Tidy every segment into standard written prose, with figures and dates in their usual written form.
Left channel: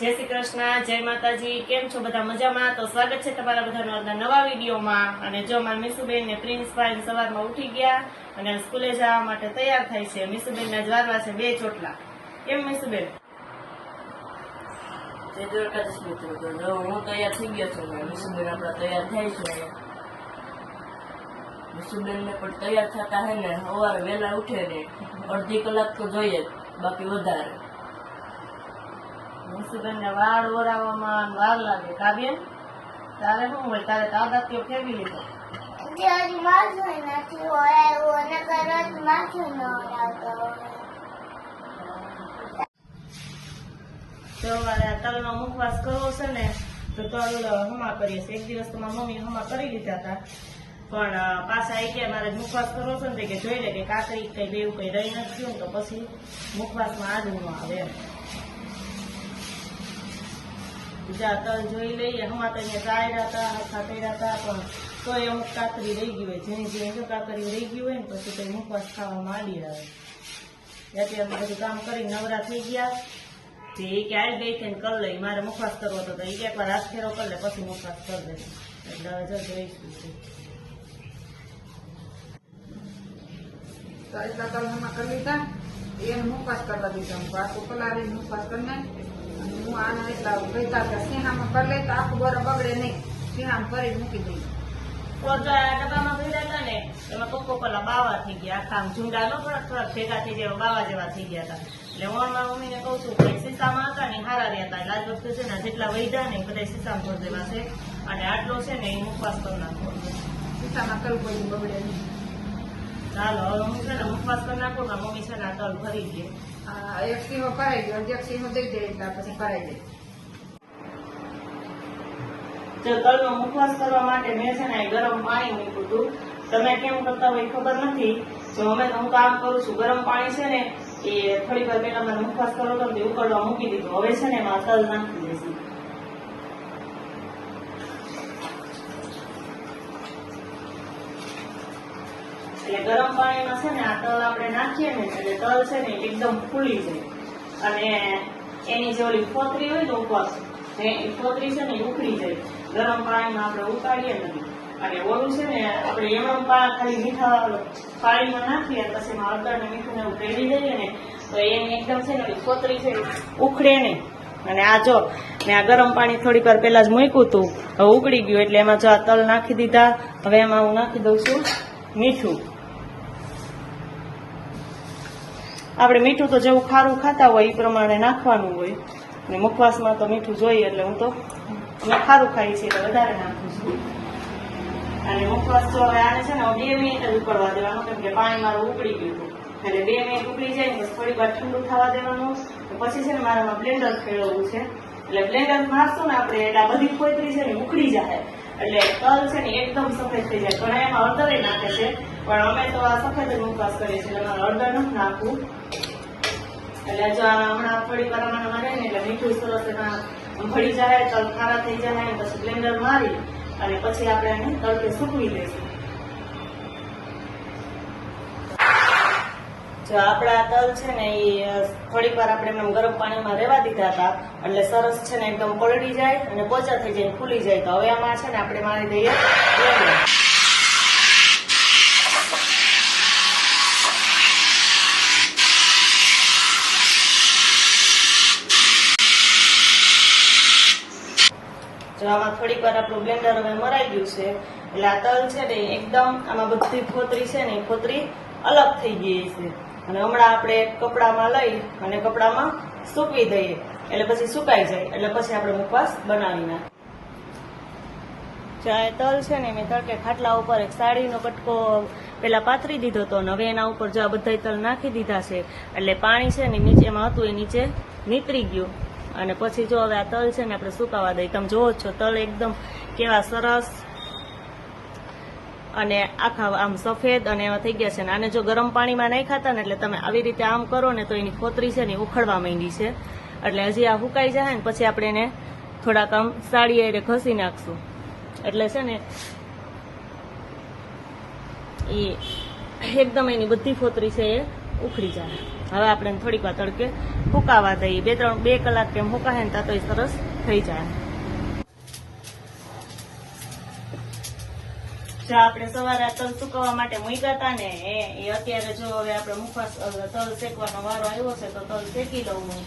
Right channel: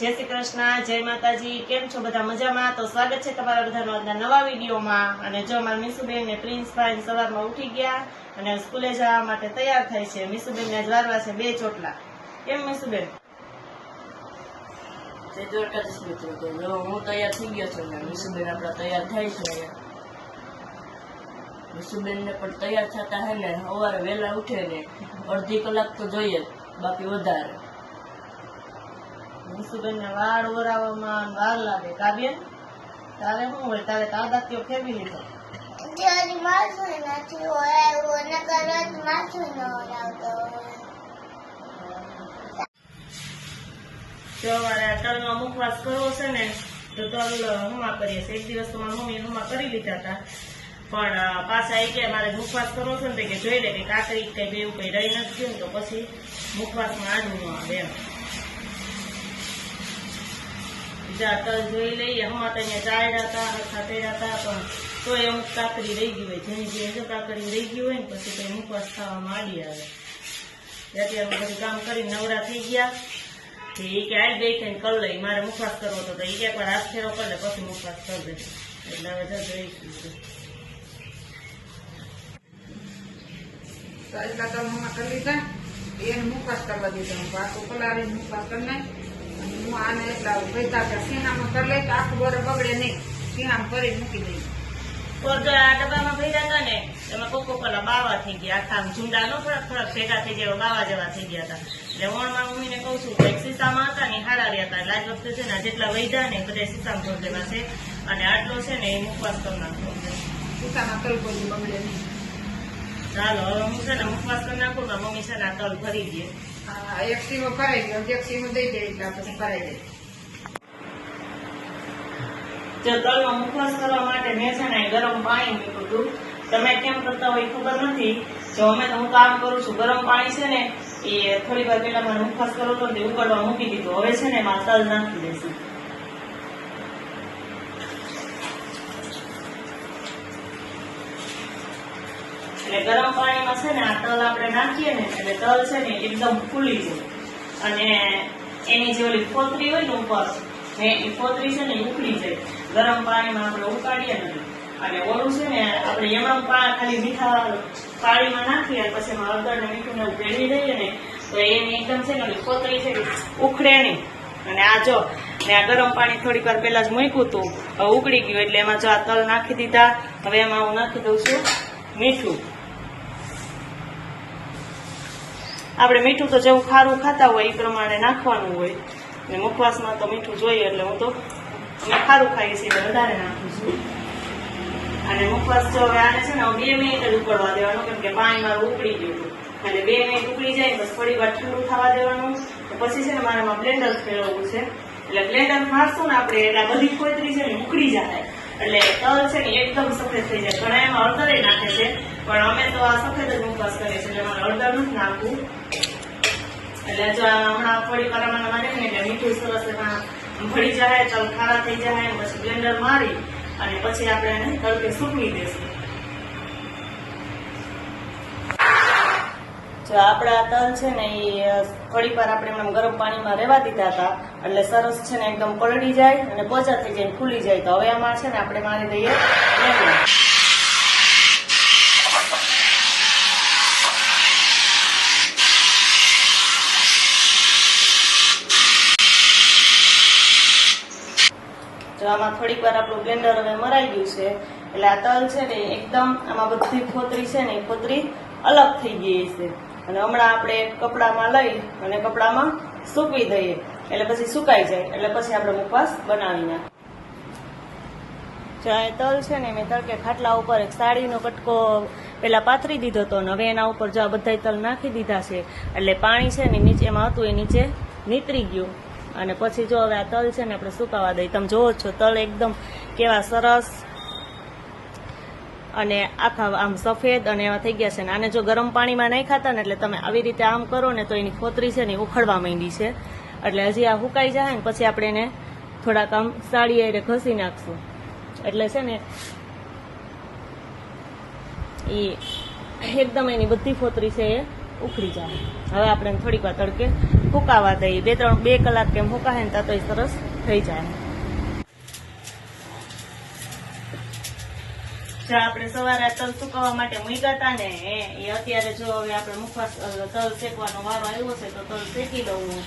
जय श्री कृष्ण, जय माताजी। केम छो बधा मजामां? तो स्वागत है तमारा बधानो आजना नवा विडियोमां। अने जो मारा मीसूबेन ने प्रिंसभाई सवारमां उठी गया अने स्कूले जवा माटे तैयार थाय छे। मीसूबेन ने जवारवा छे 2 ચોટલા। केम मीसूबेन? તે દ્વારકાધીશ મિત્રો તો જો હું તૈયાર થઈ ગયો છું ને મીસુબેન આપણા તૈયાર થાય છે મીસુબેન ને પણ તૈયાર થતા હે ને સવારે વહેલા ઉઠે ને અડધી કલાક તો જોઈએ બાકી વધારે મીसूबेन ने વાળ ઓરાવામાં વાર લાગે। કાવ્ય તારે શું હોય? તારે કાદાત્યો ફેરવી લીધો? Jadi masuk nanti orang warna karat masuk orang tu. સવારે તલનો મુખવાસ કરવો છે ને તો તલ હમા કરીએ છીએ। એક દિવસ તો મારી મમ્મી હમા કરી લીધા હતા, પણ પાછા એ કે મારે મુખવાસ કરવો છે ને કે જોઈ લે કે કાકરી કઈ બેવું કઈ રહી નથી ગયું તો પછી મુખવાસમાં આડું ન આવે એમ। બીજા તલ જોઈ લઈએ। હમા તો અહીંયા ચાયડા હતા, હરખા કર્યા હતા, પણ તોય અમુક કાકરી રહી ગઈ હોય, જેની જે જો કાકરી રહી ગઈ હોય ને પછી તો મુખવાસ ખાવામાં આડી આવે। અત્યારે બધું કામ કરી નવરા થઈ ગયા કે આવી ગઈ થઈને કર લઈ, મારે મુખવાસ કરવો હતો તો એ એકવાર હાથ ફેરો કરી લે પછી મુખવાસ કરી દે। એટલે હવે જજ રહીશું તો એટલા તલ હમણાં કરી લીધા, એને મુખવાસ કરવા દીધા। આખું પલાળીને મુખવાસ કરી નાખ અને હું આને એટલા ભેગા કે સિંહામાં કરી લઈ તો આખું બરફ બગડે નહીં, સિંહામાં કરી મૂકી દઈ। તો જો આ ડબ્બામાં ભર્યા હતા ને એમાં કોકો પેલા બાવા થઈ ગયા, આખા ઝુંડા નો થોડાક ભેગા થઈ ગયા, બાવા જેવા થઈ ગયા હતા। એટલે વણમાં મમ્મીને કહું છું કે સીસામાં હતા ને હારા રહ્યા હતા, એટલે આજ વખતે છે ને જેટલા વૈધા ને બધા સીસામાં ભરી દેવા છે અને આટલો છે ને એ મુખવાસ કરી નાખવો છે। સિંહામાં તલ કોઈ બગડે નહીં। ચાલો હવે હું છે ને મુખવાસ કરી નાખું ને મમ્મી છે ને આ તલ ભરી દે। આ એક સીમો ભરાઈ ગયો, એક સીમો દઈ દે એટલે પછી ભરાઈ જાય। જો તલનો મુખવાસ કરવા માટે મેં છે ને ગરમ પાણી મૂક્યું હતું। તમે કેમ કરતા હોય ખબર નથી, જો અમે તો હું કામ કરું છું, ગરમ પાણી છે ને એ થોડી વાર પહેલા મારે મુખવાસ કરવો હતો ને ઉકળવા મૂકી દીધું। હવે છે ને એમાં તલ નાખી દઈશું। એટલે ગરમ પાણીમાં છે ને આ તલ આપણે નાખીએ ને એટલે તલ છે ને એકદમ ફૂલી જાય અને એની જે ઓલી ફોતરી હોય ને ઉપર એ ફોતરી છે ને ઉકળી જાય। ગરમ પાણીમાં આપણે ઉકાળીએ નથી અને ઓલું છે ને આપણે એમણું ખાલી મીઠા પાણીમાં નાખીએ પછી એમાં હળદર ને મીઠું ને એવું ભેળવી દઈએ ને તો એની એકદમ છે ને ઓલી ફોતરી છે ઉખડે નહીં। અને આ જો મેં આ ગરમ પાણી થોડીક વાર પહેલા જ મૂક્યું હતું, હવે ઉકળી ગયું એટલે એમાં જો આ તલ નાખી દીધા। હવે એમાં હું નાખી દઉં છું મીઠું। આપણે મીઠું તો જેવું ખારું ખાતા હોય એ પ્રમાણે નાખવાનું હોય અને મુખવાસમાં તો મીઠું જોઈએ એટલે હું તો અમે ખારું ખાઈએ છીએ એટલે વધારે નાખું છું। અને મુખવાસ જો હવે આને છે ને 2 મિનિટ જ ઉકળવા દેવાનું, કેમ કે પાણી મારું ઉકળી ગયું હતું એટલે 2 મિનિટ ઉકળી જાય બસ થોડી વાર ઠંડુ થવા દેવાનું। પછી છે ને મારે એમાં બ્લેન્ડર ફેરવવું છે, એટલે બ્લેન્ડર મારશું ને આપણે એટલે આ બધી ફોતરી છે ને ઉકળી જાય એટલે તલ છે ને એકદમ સફેદ થઈ જાય। ઘણા એમાં હળદર નાખે છે પણ અમે તો આ સફેદ જ મુખવાસ કરીએ છીએ એટલે મારે હળદર નથી નાખવું। એટલે જો હમણાં થોડી વાર મને ને એટલે મીઠું સરસ એમાં ભળી જાય, તલ ખારા થઈ જાય, પછી બ્લેન્ડર મારી અને પછી આપણે એને તડકે સૂકવી દઈશું। જો આપણા તલ છે ને એ થોડીક વાર આપણે એમ ગરમ પાણીમાં રહેવા દીધા હતા એટલે સરસ છે ને એકદમ પલળી જાય અને પોચા થઈ જાય, ફૂલી જાય। તો હવે આમાં છે ને આપણે મારી દઈએ બ્લેન્ડર। જો આમાં થોડીક વાર આપણું બ્લેન્ડર હવે મરાઈ ગયું છે એટલે આ તલ છે ને એકદમ આમાં બધી ફોતરી છે ને એ ફોતરી અલગ થઈ ગઈ છે અને હમણાં આપણે એક કપડામાં લઈ અને કપડામાં સૂકવી દઈએ એટલે પછી સુકાઈ જાય એટલે પછી આપણે મુખવાસ બનાવી નાખીએ। જો આ તલ છે ને મેં તડકે ખાટલા ઉપર એક સાડીનો કટકો પેલા પાથરી દીધો હતો અને હવે એના ઉપર જો આ બધા તલ નાખી દીધા છે એટલે પાણી છે ને નીચેમાં હતું એ નીચે નીકળી ગયું અને પછી જો હવે આ તલ છે ને આપણે સુકાવા દઈએ। તમે જોવો છો તલ એકદમ કેવા સરસ અને આખા આમ સફેદ અને એવા થઈ ગયા છે ને આને જો ગરમ પાણીમાં નહીં ખાતા ને એટલે તમે આવી રીતે આમ કરો ને તો એની ફોતરી છે ને ઉખડવા માંડી છે એટલે હજી આ સુકાઈ જાય ને પછી આપણે એને થોડાક આમ સાડી આરે ઘસી નાખશું એટલે છે ને એ એકદમ એની બધી ફોતરી છે એ ઉખડી જાય। હવે આપણે થોડીક વાર તડકે ફૂંકાવા દઈએ. 2 કલાક કેમ ફૂંકાશે ને તો સરસ થઈ જાય. જે આપણે સવારે આ તલ સુકવવા માટે મૂક્યા હતા ને એ અત્યારે જો હવે આપણે મુખવાસ તલ શેકવાનો વારો આવ્યો છે તો તલ શેકી દઉં હું.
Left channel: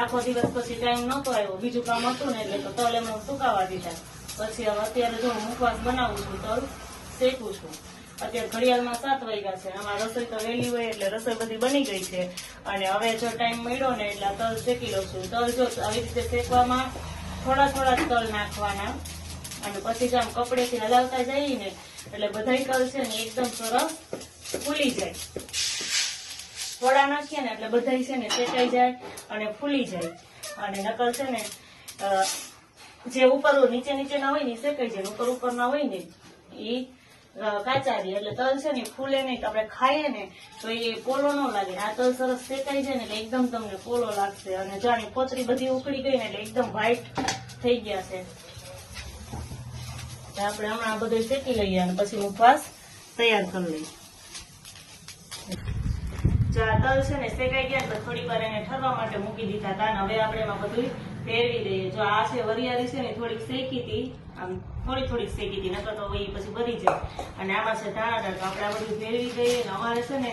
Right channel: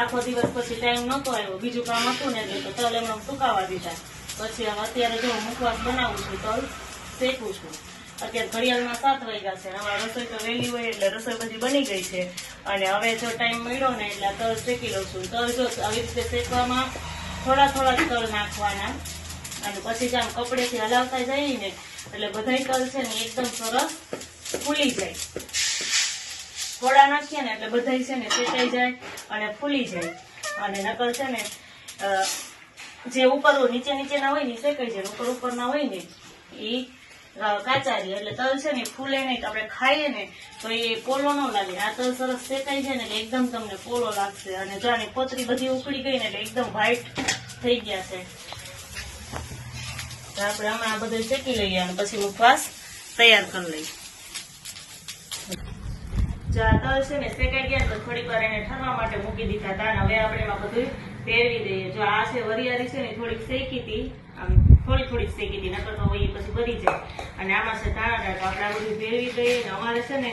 આખો દિવસ પછી ટાઈમ નહોતો આવ્યો, બીજું કામ હતું ને એટલે તો તલ એમને સુકાવા દીધા. પછી હવે અત્યારે જો મુખવાસ બનાવું છું, તલ શેકું છું. અત્યારે ઘડિયાળમાં 7 વાગ્યા છે. હમણાં રસોઈ તો વહેલી હોય એટલે રસોઈ બધી બની ગઈ છે અને હવે જો ટાઈમ મળ્યો ને એટલે તલ શેકી લઉં છું. તલ જો આવી રીતે શેકવામાં થોડા તલ નાખવાના અને પછી જ આમ કપડેથી હલાવતા જઈએ ને એટલે બધાય તલ છે ને એકદમ સરસ ફૂલી જાય. થોડા નાખીએ ને એટલે બધાય છે ને શેકાઈ જાય અને ફૂલી જાય. અને નકર છે ને જે ઉપર નીચેના હોય ને શેકાઈ જાય, ઉપરના હોય ને એ કાચા રહે. એટલે તલ છે ને ફૂલે નહીં તો આપણે ખાઈએ ને તો એ પોલો ન લાગે. આ તલ સરસ શેકાઈ જાય ને એટલે એકદમ તમને પોલો લાગશે. અને જો આની પોતરી બધી ઉકળી ગઈ ને એટલે એકદમ વ્હાઈટ થઈ ગયા છે. આપણે હમણાં બધું શેકી લઈએ અને પછી મુખવાસ તૈયાર કરી લઈએ. જો આ તલ છે ને શેકાઈ ગયા તો થોડીક વાર એને ઠરવા માટે મૂકી દીધા હતા. હવે આપણે એમાં બધું ફેરવી દઈએ. જો આ છે વરિયાળી છે ને થોડીક શેકી હતી, આમ થોડીક શેકી હતી, નકર તો એ પછી ભરી જાય. અને આમાં છે ધાણા તો આપણે આ બધું ફેરવી દઈએ. ને અમારે છે ને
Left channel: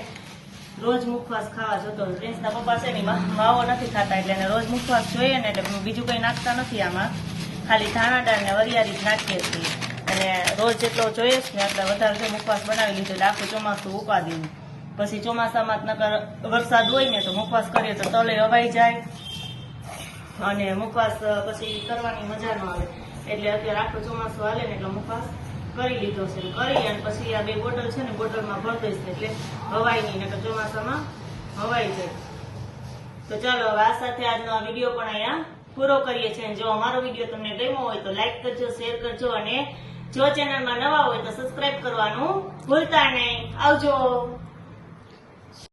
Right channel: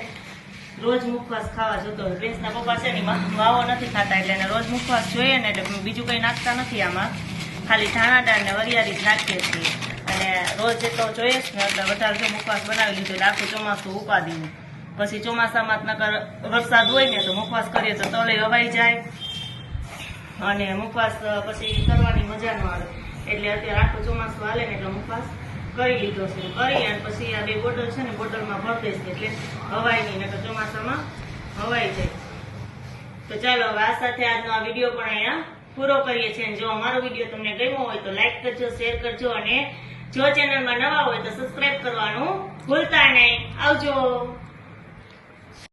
રોજ મુખવાસ ખાવા જતો. બેસના પપ્પા છે ને માવો નથી ખાતા એટલે એને રોજ મુખવાસ જોઈએ ને એટલે બીજું કઈ નાખતા નથી આમાં, ખાલી ધાણા દાળ ને વરિયાળી જ નાખીએ છીએ. અને રોજ જેટલો જોઈએ જ ને એટલે વધારે જો મુખવાસ બનાવી લીધું એટલે આખું ચોમાસું ઉપાડીને પછી ચોમાસામાં નકર વરસાદ હોય ને તો મુખવાસ કરીએ તો તલે હવાઈ જાય અને મુખવાસ પછી કરવાની મજા ન આવે. એટલે અત્યારે આખું ચોમાસું હાલે ને એટલે મુખવાસ કરી લીધો છે. કરી અને પછી આ 2 બોટલ છે ને બોટલમાં ભરી દઈશ એટલે હવાઈ નહીં, નકર ચોમાસામાં હવાઈ જાય. તો ચાલો હવે આ સાથે આજનો આ વિડીયો પણ અહીંયા પૂરો કરીએ છીએ. જો અમારો વિડીયો તમને ગમ્યો હોય તો લાઈક કરજો, શેર કરજો અને જો ચેનલમાં નવા હોય તો સબસ્ક્રાઇબ કરવાનું ભૂલતા નહીં. આવજો.